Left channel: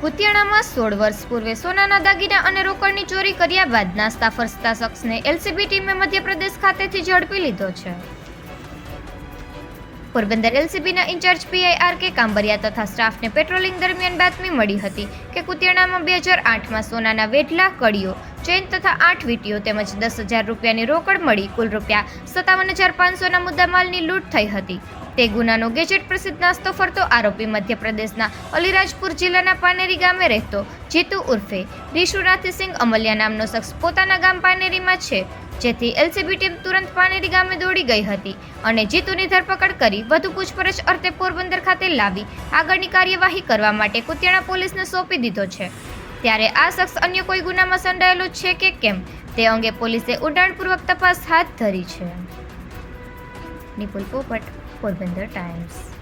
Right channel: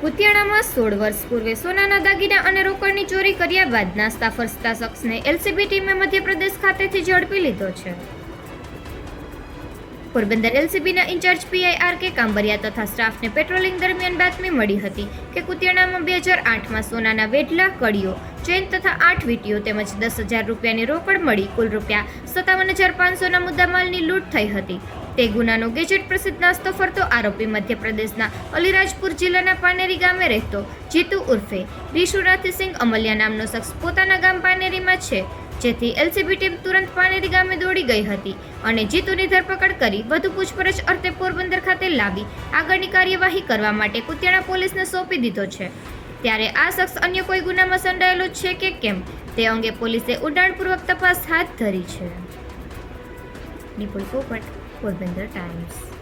સોળ વર્ષ પૂર્વે સોનાના દાગીના અને રોકડની ચોરી કર્યા બાદ નાસ્તા ફરસતા શખ્સને એલસીબી ટીમે મધ્યપ્રદેશ ખાતેથી ઝડપી લીધો છે. Porbandar એલસીબીના in charge PI R K Kambaria તથા સ્ટાફને પેટ્રોલિંગ દરમિયાન બાતમી મળી હતી કે કુતિયાણામાં બે હજાર આઠમાં સોનાના વેઢલા કડીઓ ચેન તથા આઠ વીટીઓ તેમજ દસ હજાર રૂપિયાની રોકડ મળી કુલ રૂપિયા સત્તાવન હજાર પાંચસોના મુદ્દામાલની લૂંટ થઈ હતી. તે ગુનાનો ગેજેટ પ્રસિદ્ધ નાસ્તો ફરતો આરોપી મધ્યપ્રદેશના અલીરાજપુર જિલ્લાના પાનેરી ગામે રહેતો જીતુ ઉર્ફે. વિશુનાથસિંહ અમલિયા નામનો શખ્સ પોતાના ગામ પાનેરીમાં છે, જેથી એલસીબી ટીમ તુરંત પાનેરી ગામે દોડી ગઈ હતી અને જીતુની ધરપકડ કરી વધુ પૂછપરછ અર્થે પોરબંદર ખાતે લાવી આગળની કાર્યવાહી કરવા માટે કુતિયાણા પોલીસને સોંપી દીધો છે. ત્યારે આ શખ્સ અન્ય કોઈ ગુનામાં સંડાયેલો છે કે કેમ, તે અંગે પોલીસે ઉડાણપૂર્વક તપાસ હાથ ધરી છે. નિપુલ પોપટ. પોરબંદર ટાઈમ્સ